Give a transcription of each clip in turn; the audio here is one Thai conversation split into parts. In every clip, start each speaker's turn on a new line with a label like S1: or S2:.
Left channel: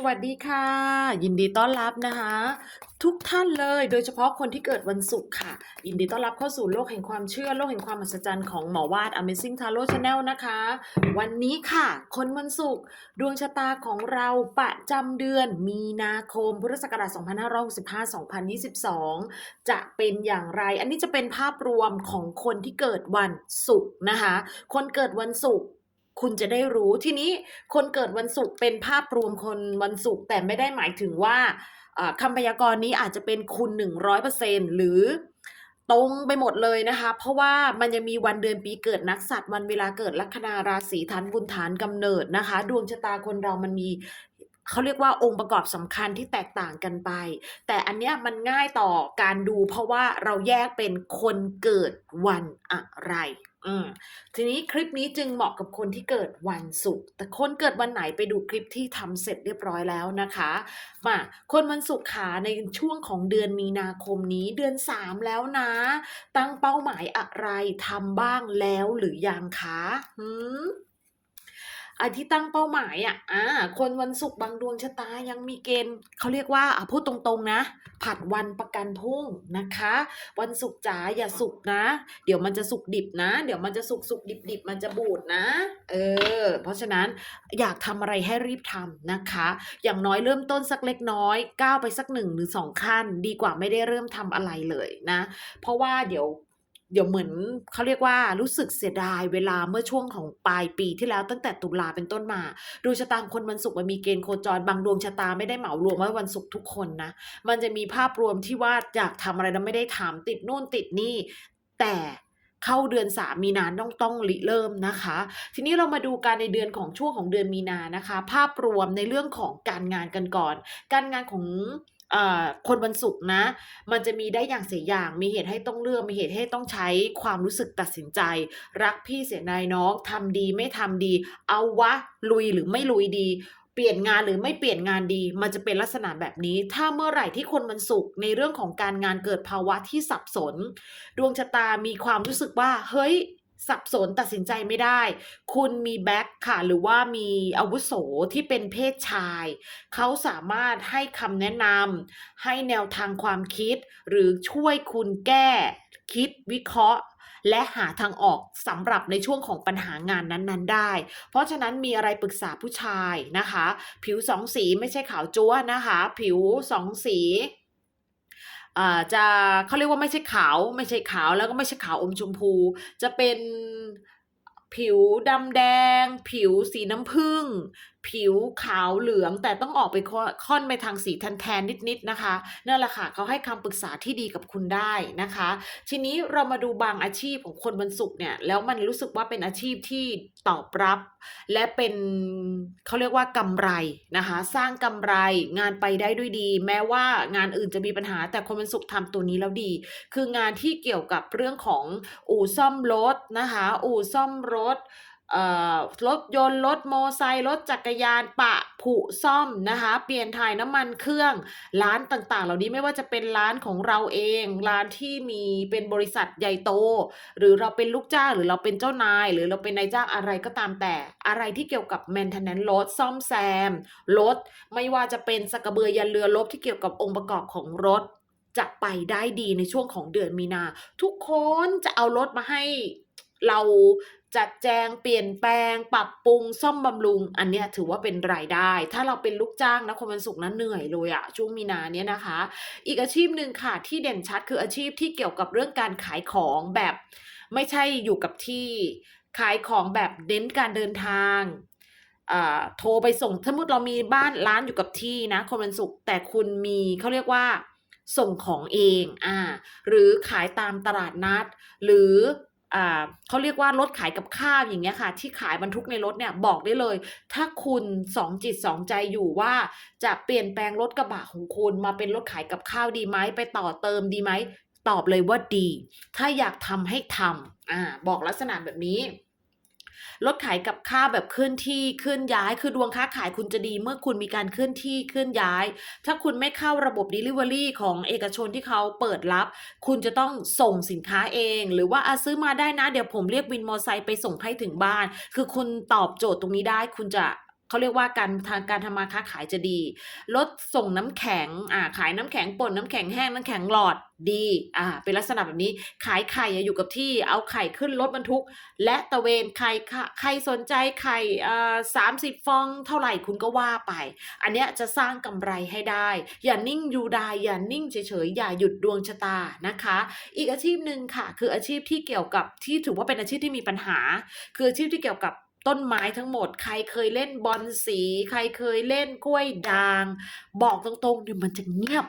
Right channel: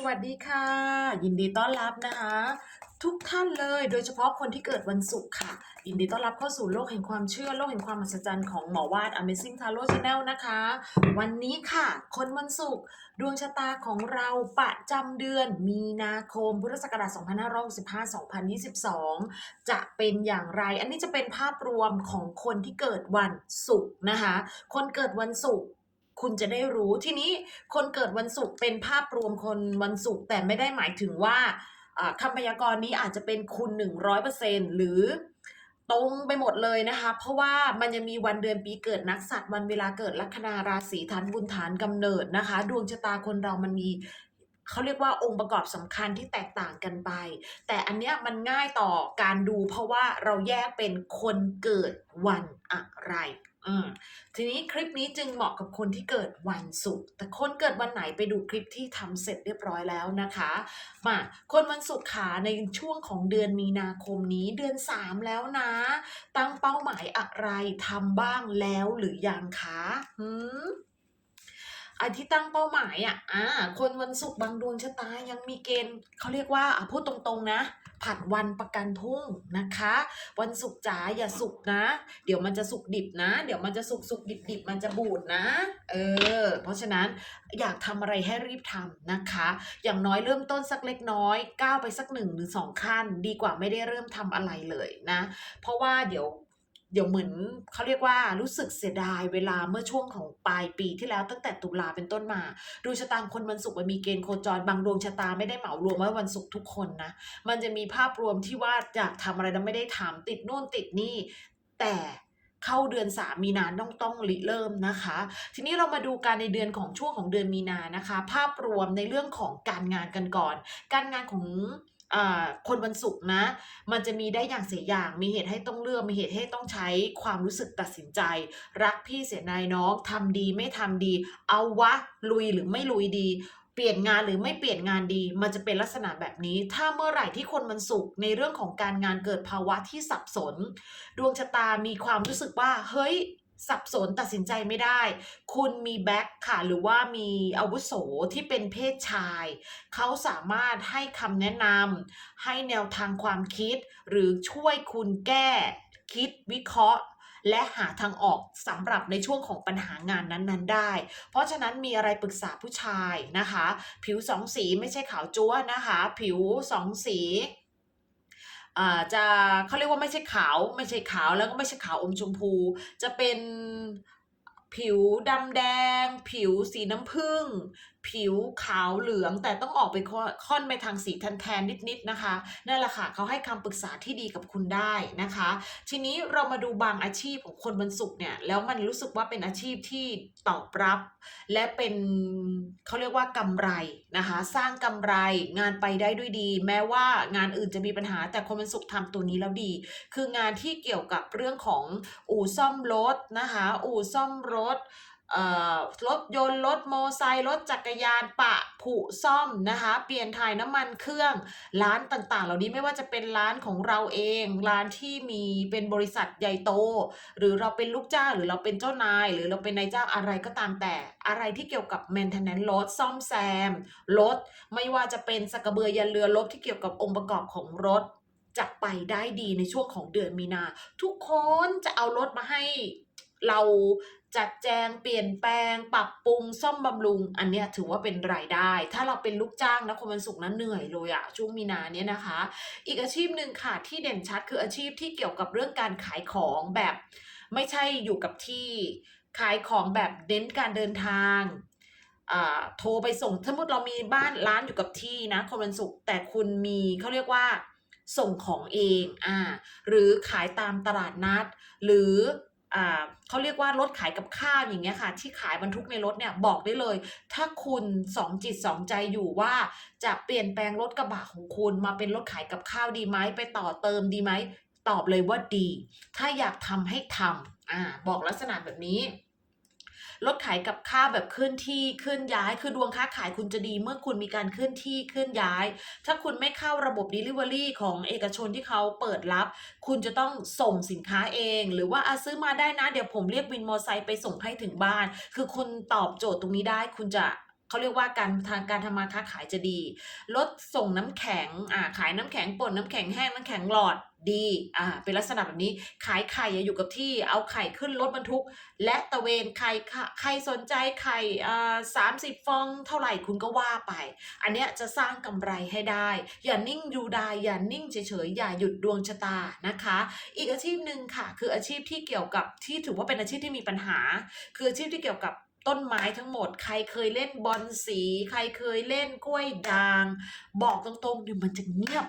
S1: สวัสดีค่ะ ยินดีต้อนรับนะคะ ทุกท่านเลยโดยเฉพาะคนที่เกิดวันศุกร์ค่ะ ยินดีต้อนรับเข้าสู่โลกแห่งความเชื่อโลกแห่งความมหัศจรรย์ของหมอวาด Amazing Tarot Channel นะคะ วันนี้ค่ะ คนวันศุกร์ดวงชะตาของเราประจำเดือนมีนาคมพุทธศักราช2565-2022 จะเป็นอย่างไร อันนี้จะเป็นภาพรวมของคนที่เกิดวันศุกร์นะคะ คนเกิดวันศุกร์ คุณจะได้รู้ทีนี้คนเกิดวันศุกร์เป็นภาพรวมคนวันศุกร์แต่ไม่ได้หมายถึงว่าคำพยากรณ์นี้อาจจะเป็นคุณ 100%หรือตรงไปหมดเลยนะคะ เพราะว่ามันจะมีวันเดือนปีเกิดนักสัตว์วันเวลาเกิดลัคนาราศีฐานบุญฐานกำเนิดนะคะ ดวงชะตาคนเรามันมีเขาเรียกว่าองค์ประกอบสำคัญที่แตกต่างกันไป แต่อันเนี้ยมันง่ายต่อการดูเพราะว่าเราแยกเป็นคนเกิดวันอะไร ทีนี้คลิปนี้จึงเหมาะกับคนที่เกิดวันศุกร์แต่คนเกิดวันไหนไปดูคลิปที่ทำเสร็จเรียบร้อยแล้วนะคะมาคนวันศุกร์ขาในช่วงของเดือนมีนาคมนี้เดือน 3 แล้วนะ ตั้งเป้าหมายอะไรทำบ้างแล้วหรือยังคะหืม อที่ตั้งเป้าหมายอะอ่าคนวันศุกร์บางดวงชะตายังมีเกณฑ์เขาเรียกว่าอะพูดตรงๆนะ ผัดวันประกันพรุ่งนะคะ วันศุกร์จ๋าอย่าสุกนะ เดี๋ยวมันจะสุกดิบนะ เดี๋ยวมันจะสุกสุกดิบดิบมันจะบูดนะเออเพราะฉะนั้นอยากทำอะไรให้รีบทำนะคะ อย่างน้อยเริ่มต้นสักเล็กน้อยก้าวไปสักหนึ่งหรือสองขั้น ดีกว่าไม่ได้เริ่มทำอะไรเลยนะ เพราะว่าเดี๋ยว เดี๋ยวเหมือนเขาเรียกว่ารู้สึกเสียดายเวลาเมื่อช่วงของปลายปีที่แล้วตั้งแต่ตุลาเป็นต้นมาดวงชะตาคนวันศุกร์มันมีเกณฑ์โคจรบางดวงชะตาไม่ได้เหมารวมว่าวันศุกร์ทุกคนนะมันจะมีภาพรวมที่ว่าอยากทำอะไรแล้วไม่ได้ทำติดนู่นติดนี่ แต่เข้าเดือนสามีนาต้องต้องริเริ่มนะคะ ทีนี้เรามาดูการในเดือนของช่วงของเดือนมีนานะคะ ภาพรวมในเรื่องของการงานกันก่อน การงานของ คนวันศุกร์นะ มันจะมีได้อย่างเสียอย่าง มีเหตุให้ต้องเลือก มีเหตุให้ต้องใช้ความรู้สึกตัดสินใจ รักพี่เสียนายน้องทำดีไม่ทำดี เอาวะลุยหรือไม่ลุยดี เปลี่ยนงานหรือไม่เปลี่ยนงานดี มันจะเป็นลักษณะแบบนี้ ถ้าเมื่อไหร่ที่คนวันศุกร์ในเรื่องของการงานเกิดภาวะที่สับสน ดวงชะตามีความรู้สึกว่า เฮ้ย สับสนตัดสินใจไม่ได้ คุณมีแบ็คค่ะ หรือว่ามีอาวุโสที่เป็นเพศชาย เขาสามารถให้คำแนะนำให้แนวทางความคิด หรือช่วยคุณแก้คิดวิเคราะห์และหาทางออกสำหรับในช่วงของปัญหางานนั้นๆ ได้ เพราะฉะนั้นมีอะไรปรึกษาผู้ชายนะคะ ผิวสองสีไม่ใช่ขาวจั๊วนะคะ ผิวสองสี จะเขาเรียกว่าไม่ใช่ขาว ไม่ใช่ขาวแล้วก็ไม่ใช่ขาวอมชมพู จะเป็นผิวดำแดง ผิวสีน้ำผึ้ง ผิวขาวเหลือง แต่ต้องออกไปค่อนไปทางสีแทนๆนิดๆนะคะนั่นแหละค่ะเขาให้คำปรึกษาที่ดีกับคุณได้นะคะ ทีนี้เรามาดูบางอาชีพของคนวันศุกร์เนี่ยแล้วมันรู้สึกว่าเป็นอาชีพที่ตอบรับ และเป็นเขาเรียกว่ากำไรนะคะ สร้างกำไรงานไปได้ด้วยดี แม้ว่างานอื่นจะมีปัญหา แต่คนวันศุกร์ทำตัวนี้แล้วดี คืองานที่เกี่ยวกับเรื่องของอู่ซ่อมรถนะคะ อู่ซ่อมรถ รถยนต์รถโมไซค์รถจักรยานปะผุซ่อมนะคะ เปลี่ยนถ่ายน้ำมันเครื่อง ร้านต่างๆ เหล่านี้ไม่ว่าจะเป็นร้านของเราเอง ร้านที่มีเป็นบริษัทใหญ่โต หรือเราเป็นลูกจ้างหรือเราเป็นเจ้านาย หรือเราเป็นนายจ้างอะไรก็ตามแต่ อะไรที่เกี่ยวกับ maintenance รถซ่อมแซมรถไม่ว่าจะเป็นสกกระเบือยันเรือรบที่เกี่ยวกับองค์ประกอบของรถ จะไปได้ดีในช่วงของเดือนมีนา ทุกคนจะเอารถมาให้เรา จัดแจงเปลี่ยนแปลง ปรับปรุงซ่อมบำรุง อันเนี้ยถือว่าเป็นรายได้ ถ้าเราเป็นลูกจ้างนะคนวันศุกร์นั้นเหนื่อยเลยอะช่วงมีนาเนี้ยนะคะ อีกอาชีพหนึ่งค่ะที่เด่นชัดคืออาชีพที่เกี่ยวกับเรื่องการขายของแบบ ไม่ใช่อยู่กับที่ขายของแบบเน้นการเดินทางอ่าโทรไปส่งสมมติเรามีบ้านร้านอยู่กับที่นะคนวันศุกร์แต่คุณมีเขาเรียกว่าส่งของเองอ่าหรือขายตามตลาดนัด หรือ เขาเรียกว่ารถขายกับข้าวอย่างเงี้ยค่ะ ที่ขายบรรทุกในรถเนี่ยบอกได้เลย ถ้าคุณสองจิตสองใจอยู่ว่าจะเปลี่ยนแปลงรถกระบะของคุณ มาเป็นรถขายกับข้าวดีไหมไปต่อเติมดีไหมตอบเลยว่าดี ถ้าอยากทำให้ทำอ่าบอกลักษณะแบบนี้ รถขายกับค้าแบบเคลื่อนที่เคลื่อนย้าย คือดวงค้าขายคุณจะดีเมื่อคุณมีการเคลื่อนที่เคลื่อนย้าย ถ้าคุณไม่เข้าระบบ Delivery ของเอกชนที่เขาเปิดรับ คุณจะต้องส่งสินค้าเอง หรือว่าอาซื้อมาได้นะ เดี๋ยวผมเรียกวินมอเตอร์ไซค์ไปส่งให้ถึงบ้าน คือคุณตอบโจทย์ตรงนี้ได้คุณจะ เขาเรียกว่าการทางการทำมาค้าขายจะดีรถส่งน้ำแข็งอ่าขายน้ำแข็งป่นน้ำแข็งแห้งน้ำแข็งหลอดดีอ่าเป็นลักษณะแบบนี้ขายไข่อยู่กับที่เอาไข่ขึ้นรถบรรทุก และตะเวนไข่ค่ะใครสนใจไข่อ่าสามสิบฟองเท่าไหร่คุณก็ว่าไป อันเนี้ยจะสร้างกำไรให้ได้ อย่านิ่งอยู่ได้อย่านิ่งเฉยๆอย่าหยุดดวงชะตานะคะ อีกอาชีพหนึ่งค่ะ คืออาชีพที่เกี่ยวกับที่ถือว่าเป็นอาชีพที่มีปัญหา คืออาชีพที่เกี่ยวกับ ต้นไม้ทั้งหมด ใครเคยเล่นบอลสี ใครเคยเล่นกล้วยด่าง บอกตรงๆดิมันจะเงียบ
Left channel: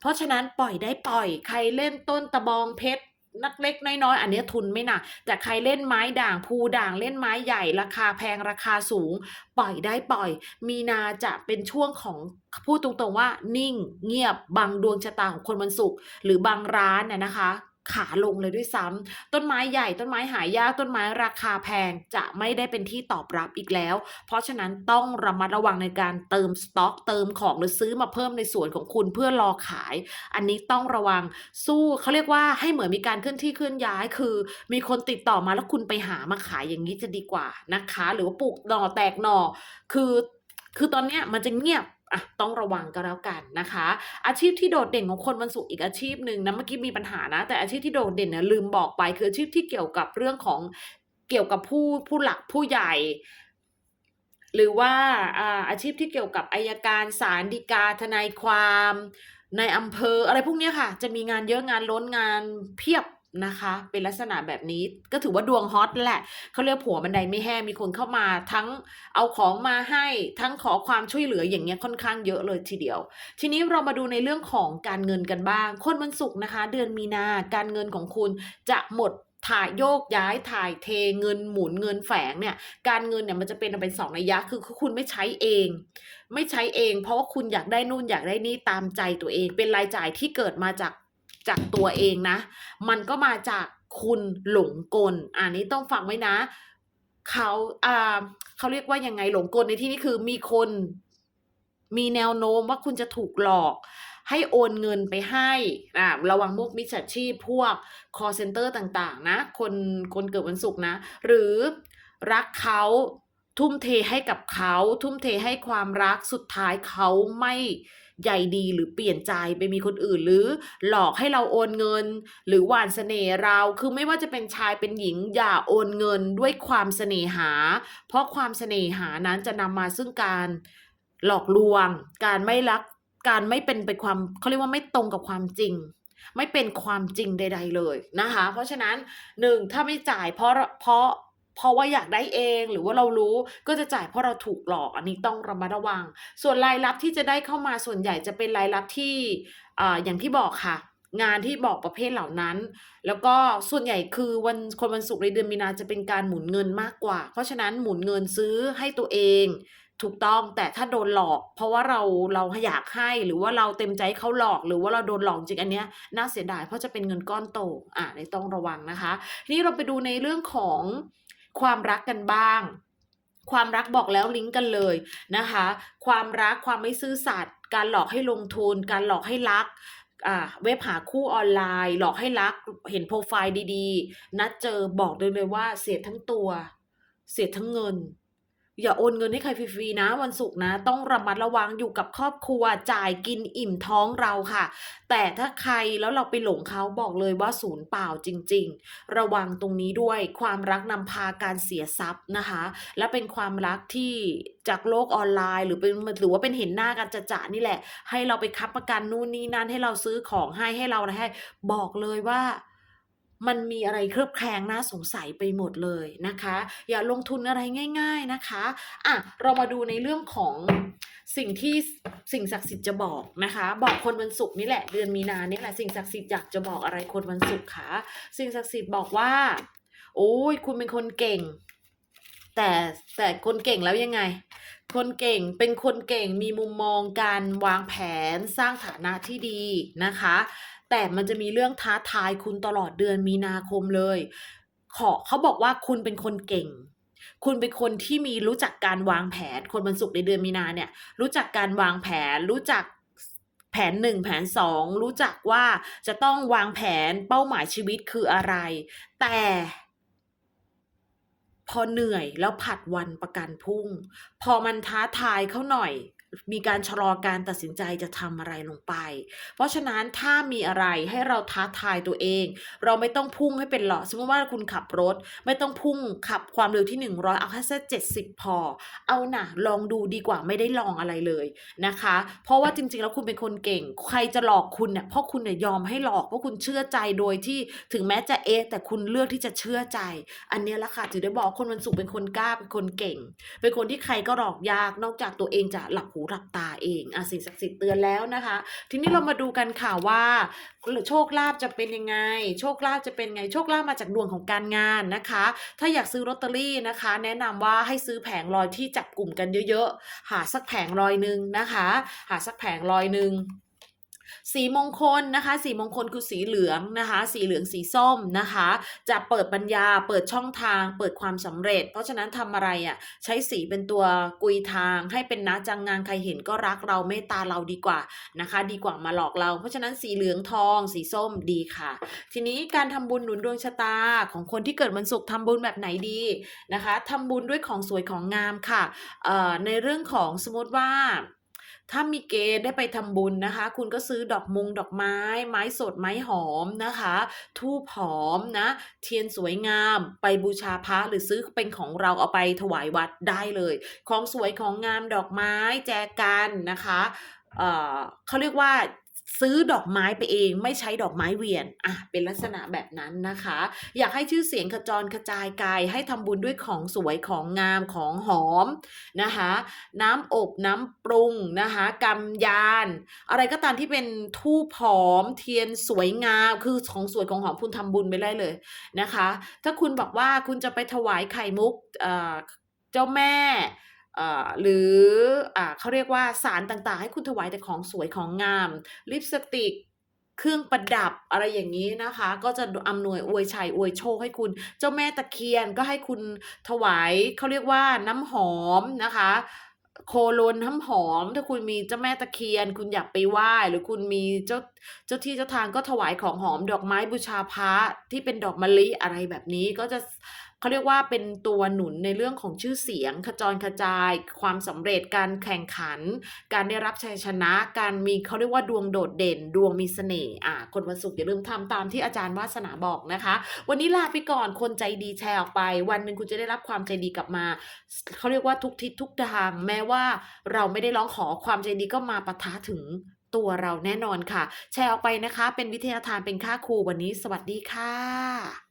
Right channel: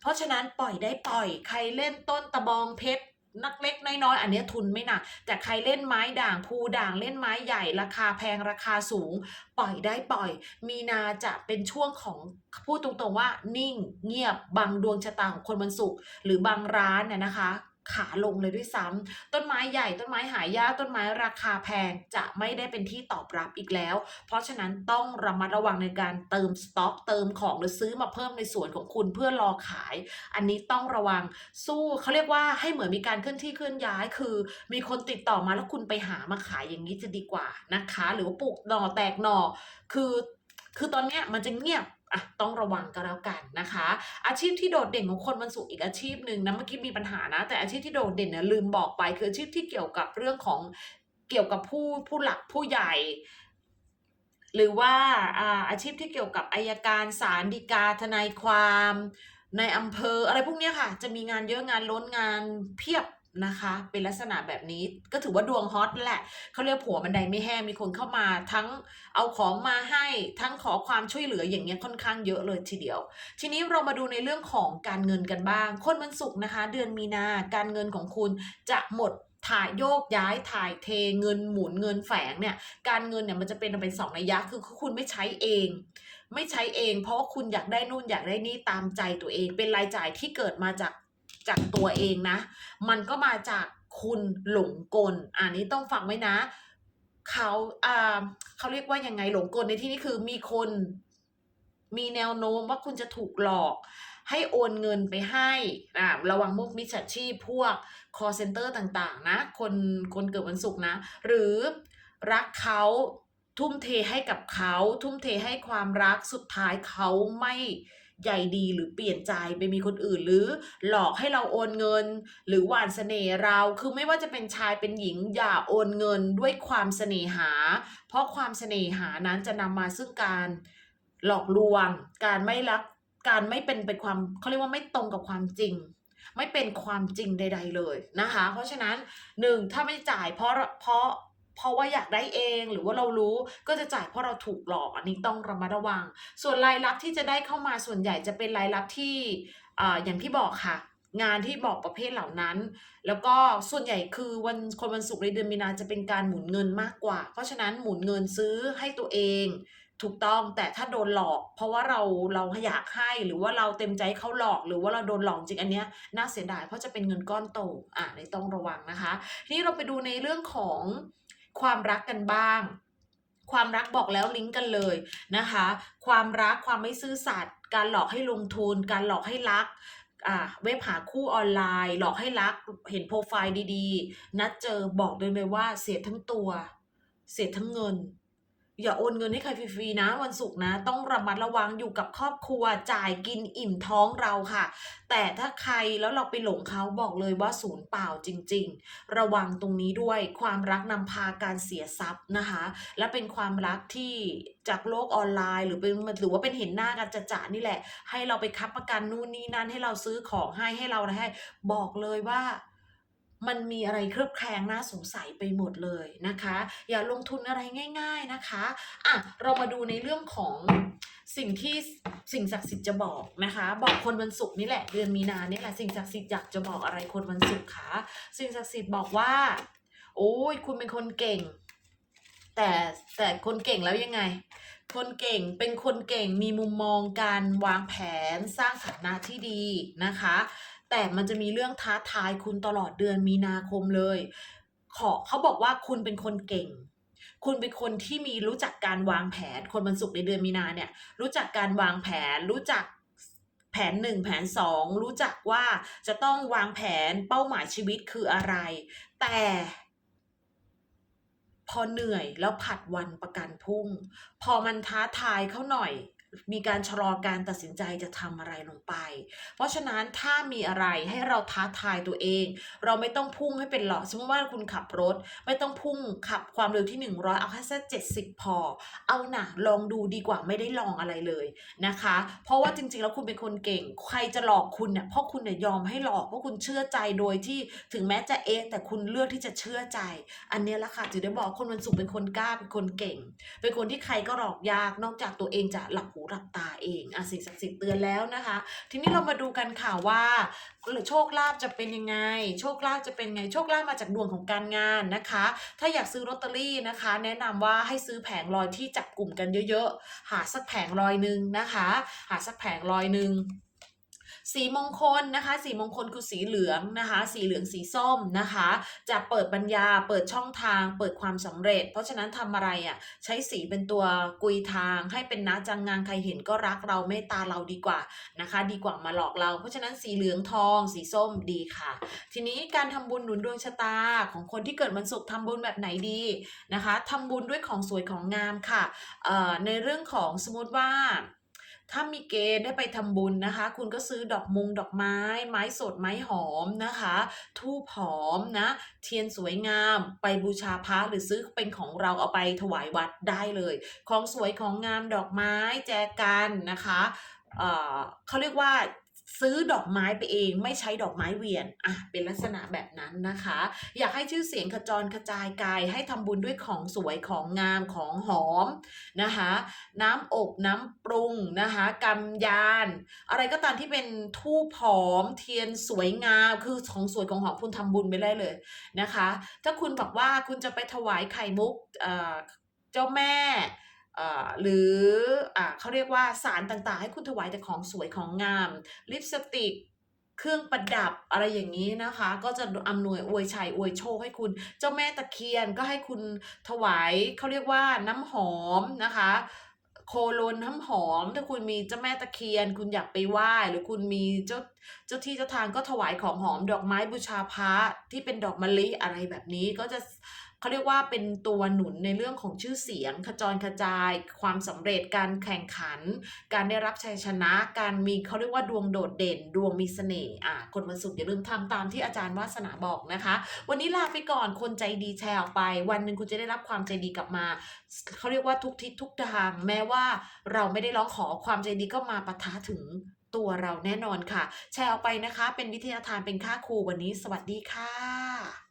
S1: เพราะฉะนั้นปล่อยได้ปล่อย ใครเล่นต้นตะบองเพชรนักเล็กน้อยๆอันนี้ทุนไม่หนัก แต่ใครเล่นไม้ด่างภูด่างเล่นไม้ใหญ่ ราคาแพงราคาสูง ปล่อยได้ปล่อย มีนาจะเป็นช่วงของพูดตรงๆว่า นิ่งเงียบบางดวงชะตาของคนวันศุกร์หรือบางร้านน่ะนะคะ ขาลงเลยด้วยซ้ำต้นไม้ใหญ่ต้นไม้หายากต้นไม้ราคาแพงจะไม่ได้เป็นที่ตอบรับอีกแล้ว เพราะฉะนั้นต้องระมัดระวังในการเติมสต็อก เติมของหรือซื้อมาเพิ่มในส่วนของคุณเพื่อรอขาย อันนี้ต้องระวังสู้เขาเรียกว่าให้เหมือนมีการเคลื่อนที่เคลื่อนย้าย คือ มีคนติดต่อมาแล้วคุณไปหามาขายอย่างนี้จะดีกว่านะคะ หรือว่าปลูกหน่อแตกหน่อคือ คือตอนเนี้ยมันจะเงียบ อะต้องระวังก็แล้วกันนะคะ อาชีพที่โดดเด่นของคนวันศุกร์อีกอาชีพหนึ่งนะเมื่อกี้มีปัญหานะ แต่อาชีพที่โดดเด่นเนี่ยลืมบอกไป คืออาชีพที่เกี่ยวกับเรื่องของเกี่ยวกับผู้ผู้หลักผู้ใหญ่ หรือว่าอาอาชีพที่เกี่ยวกับอายการศาลฎีกาทนายความในอำเภออะไรพวกนี้ค่ะ จะมีงานเยอะงานล้นงานเพียบ นะคะ เป็นลักษณะแบบนี้ก็ถือว่าดวงฮอตแหละเขาเรียกผัวบันไดไม่แห้มีคนเข้ามาทั้งเอาของมาให้ทั้งขอความช่วยเหลืออย่างเงี้ยค่อนข้างเยอะเลยทีเดียว ทีนี้เรามาดูในเรื่องของการเงินกันบ้าง คนวันศุกร์นะคะ เดือนมีนาการเงินของคุณจะหมดถ่ายโยกย้ายถ่ายเทเงินหมุนเงินแฝงเนี่ยการเงินเนี่ยมันจะเป็นเป็นสองนัยยะคือคุณไม่ใช้เอง ไม่ใช้เอง เพราะว่าคุณอยากได้นู่นอยากได้นี่ตามใจตัวเอง เป็นรายจ่ายที่เกิดมาจาก จากตัวเองนะ มันก็มาจากคุณหลงกลอันนี้ต้องฟังไว้นะ เขาอ่าเขาเรียกว่ายังไงหลงกลในที่นี้คือมีคนมีแนวโน้มว่าคุณจะถูกหลอก ให้โอนเงินไปให้อ่าระวังมุกมิจฉาชีพพวก call center ต่างๆ นะ คนคนเกิดวันศุกร์นะ หรือรักเขาทุ่มเทให้กับเขา ทุ่มเทให้ความรักสุดท้ายเขาไม่ ใยดีหรือเปลี่ยนใจไปมีคนอื่นหรือหลอกให้เราโอนเงิน หรือหวานเสน่ห์เรา คือไม่ว่าจะเป็นชายเป็นหญิงอย่าโอนเงินด้วยความเสน่หา เพราะความเสน่หานั้นจะนำมาซึ่งการหลอกลวง การไม่รัก การไม่เป็นไปความเขาเรียกว่าไม่ตรงกับความจริงไม่เป็นความจริงใด ๆ เลยนะคะ เพราะฉะนั้นหนึ่งถ้าไม่จ่ายเพราะเพราะ เพราะว่าอยากได้เองหรือว่าเรารู้ก็จะจ่ายเพราะเราถูกหลอกอันนี้ต้องระมัดระวัง ส่วนรายรับที่จะได้เข้ามาส่วนใหญ่จะเป็นรายรับที่อ่าอย่างที่บอกค่ะ งานที่บอกประเภทเหล่านั้น แล้วก็ส่วนใหญ่คือวันคนวันศุกร์ในเดือนมีนาจะเป็นการหมุนเงินมากกว่า เพราะฉะนั้นหมุนเงินซื้อให้ตัวเองถูกต้องแต่ถ้าโดนหลอก เพราะว่าเราเราอยากให้หรือว่าเราเต็มใจเขาหลอกหรือว่าเราโดนหลอกจริงอันเนี้ยน่าเสียดายเพราะจะเป็นเงินก้อนโตอ่านี่ต้องระวังนะคะทีนี้เราไปดูในเรื่องของ ความรักกันบ้าง ความรักบอกแล้วลิงก์กันเลยนะคะ ความรักความไม่ซื่อสัตย์การหลอกให้ลงทุน การหลอกให้รักอ่าเว็บหาคู่ออนไลน์ หลอกให้รักเห็นโปรไฟล์ดีๆ นัดเจอบอกเลยเลยว่าเสียทั้งตัว เสียทั้งเงิน อย่าโอนเงินให้ใครฟรีๆนะ วันศุกร์นะ ต้องระมัดระวังอยู่กับครอบครัวจ่ายกินอิ่มท้องเราค่ะ แต่ถ้าใครแล้วเราไปหลงเขาบอกเลยว่าศูนย์เปล่าจริง ๆ ระวังตรงนี้ด้วยความรักนำพาการเสียทรัพย์นะคะ และเป็นความรักที่จากโลกออนไลน์ หรือเป็นหรือว่าเป็นเห็นหน้ากันจะจะนี่แหละ ให้เราไปคับประกันนู่นนี่นั่นให้เราซื้อของให้ให้เราอะไรให้ บอกเลยว่า มันมีอะไรเคลือบแคลงน่าสงสัยไปหมดเลยนะคะ อย่าลงทุนอะไรง่าย ๆนะคะอะเรามาดูในเรื่องของสิ่งที่สิ่งศักดิ์สิทธิ์จะบอกนะคะ บอกคนวันศุกร์นี่แหละเดือนมีนาเนี่ยแหละสิ่งศักดิ์สิทธิ์อยากจะบอกอะไรคนวันศุกร์คะสิ่งศักดิ์สิทธิ์บอกว่า โอ้ยคุณเป็นคนเก่ง แต่แต่คนเก่งแล้วยังไง คนเก่งเป็นคนเก่งมีมุมมองการวางแผนสร้างฐานะที่ดีนะคะ แต่มันจะมีเรื่องท้าทายคุณตลอดเดือนมีนาคมเลย ขอเขาบอกว่าคุณเป็นคนเก่ง คุณเป็นคนที่มีรู้จักการวางแผน คนวันศุกร์ในเดือนมีนาเนี่ย รู้จักการวางแผน รู้จักแผนหนึ่งแผนสองรู้จักว่าจะต้องวางแผนเป้าหมายชีวิตคืออะไร แต่พอเหนื่อยแล้วผัดวันประกันพรุ่ง พอมันท้าทายเขาหน่อย มีการชะลอการตัดสินใจจะทำอะไรลงไป เพราะฉะนั้นถ้ามีอะไรให้เราท้าทายตัวเอง เราไม่ต้องพุ่งให้เป็นหลอสมมติว่าคุณขับรถ ไม่ต้องพุ่งขับความเร็วที่ 100 เอาแค่สัก70พอ เอาหนะลองดูดีกว่าไม่ได้ลองอะไรเลยนะคะ เพราะว่าจริงๆแล้วคุณเป็นคนเก่ง ใครจะหลอกคุณเนี่ยเพราะคุณเนี่ยยอมให้หลอกเพราะคุณเชื่อใจโดยที่ถึงแม้จะเอะแต่คุณเลือกที่จะเชื่อใจ อันเนี้ยละค่ะจึงได้บอกคนวันศุกร์เป็นคนกล้าเป็นคนเก่ง เป็นคนที่ใครก็หลอกยากนอกจากตัวเองจะหลับหูหลับตาเองอะสิ่งศักดิ์สิทธิ์เตือนแล้วนะคะ ทีนี้เรามาดูกันค่ะว่าโชคลาภจะเป็นยังไง โชคลาภจะเป็นไง โชคลาภมาจากดวงของการงานนะคะ ถ้าอยากซื้อลอตเตอรี่นะคะ แนะนำว่าให้ซื้อแผงลอยที่จับกลุ่มกันเยอะๆ หาสักแผงลอยหนึ่งนะคะ หาสักแผงลอยหนึ่ง สีมงคลนะคะ สีมงคลคือสีเหลืองนะคะ สีเหลืองสีส้มนะคะ จะเปิดปัญญา เปิดช่องทาง เปิดความสำเร็จ เพราะฉะนั้นทำอะไรอะ่ะใช้สีเป็นตัวกุยทาง ให้เป็นนะจังงานใครเห็นก็รักเราเมตตาเราดีกว่านะคะ ดีกว่ามาหลอกเรา เพราะฉะนั้นสีเหลืองทอง สีส้มดีค่ะ ทีนี้การทำบุญหนุนดวงชะตาของคนที่เกิดวันศุกร์ทำบุญแบบไหนดีนะคะทำบุญด้วยของสวยของงามค่ะเอ่อในเรื่องของสมมติว่า ถ้ามีเกณฑ์ได้ไปทำบุญนะคะ คุณก็ซื้อดอกมงดอกไม้ ไม้สดไม้หอมนะคะทูบหอมนะ เทียนสวยงามไปบูชาพระหรือซื้อเป็นของเราเอาไปถวายวัดได้เลย ของสวยของงามดอกไม้แจกันนะคะ เอ่อเขาเรียกว่า ซื้อดอกไม้ไปเองไม่ใช้ดอกไม้เวียนอะเป็นลักษณะแบบนั้นนะคะ อยากให้ชื่อเสียงขจรกระจายกายให้ทำบุญด้วยของสวยของงามของหอมนะคะ น้ำอบน้ำปรุงนะคะกำยาน อะไรก็ตามที่เป็นทูบหอมเทียนสวยงามคือของสวยของหอมคุณทำบุญไปได้เลยนะคะ ถ้าคุณบอกว่าคุณจะไปถวายไข่มุกเอ่อเจ้าแม่ หรืออเขาเรียกว่าสารต่างๆ ให้คุณถวายแต่ของสวยของงาม ลิปสติกเครื่องประดับอะไรอย่างนี้นะคะ ก็จะอำนวยอวยชัยอวยโชคให้คุณ เจ้าแม่ตะเคียนก็ให้คุณถวายเขาเรียกว่าน้ำหอมนะคะโคโลนน้ำหอม ถ้าคุณมีเจ้าแม่ตะเคียน คุณอยากไปไหว้หรือคุณมีเจ้าเจ้าที่เจ้าทางก็ถวายของหอมดอกไม้บูชาพระที่เป็นดอกมะลิอะไรแบบนี้ก็จะ เขาเรียกว่าเป็นตัวหนุนในเรื่องของชื่อเสียง ขจรกระจาย ความสำเร็จการแข่งขัน การได้รับชัยชนะ การมีเขาเรียกว่าดวงโดดเด่น ดวงมีเสน่ห์อ่าคนวันศุกร์อย่าลืมทำตามที่อาจารย์วาสนาบอกนะคะ วันนี้ลาไปก่อนคนใจดีแชร์ออกไป วันหนึ่งคุณจะได้รับความใจดีกลับมาเขาเรียกว่าทุกทิศทุกทาง แม้ว่าเราไม่ได้ร้องขอความใจดีก็มาปะทะถึงตัวเราแน่นอนค่ะ แชร์ออกไปนะคะ เป็นวิทยาทานเป็นค่าครูวันนี้ สวัสดีค่ะ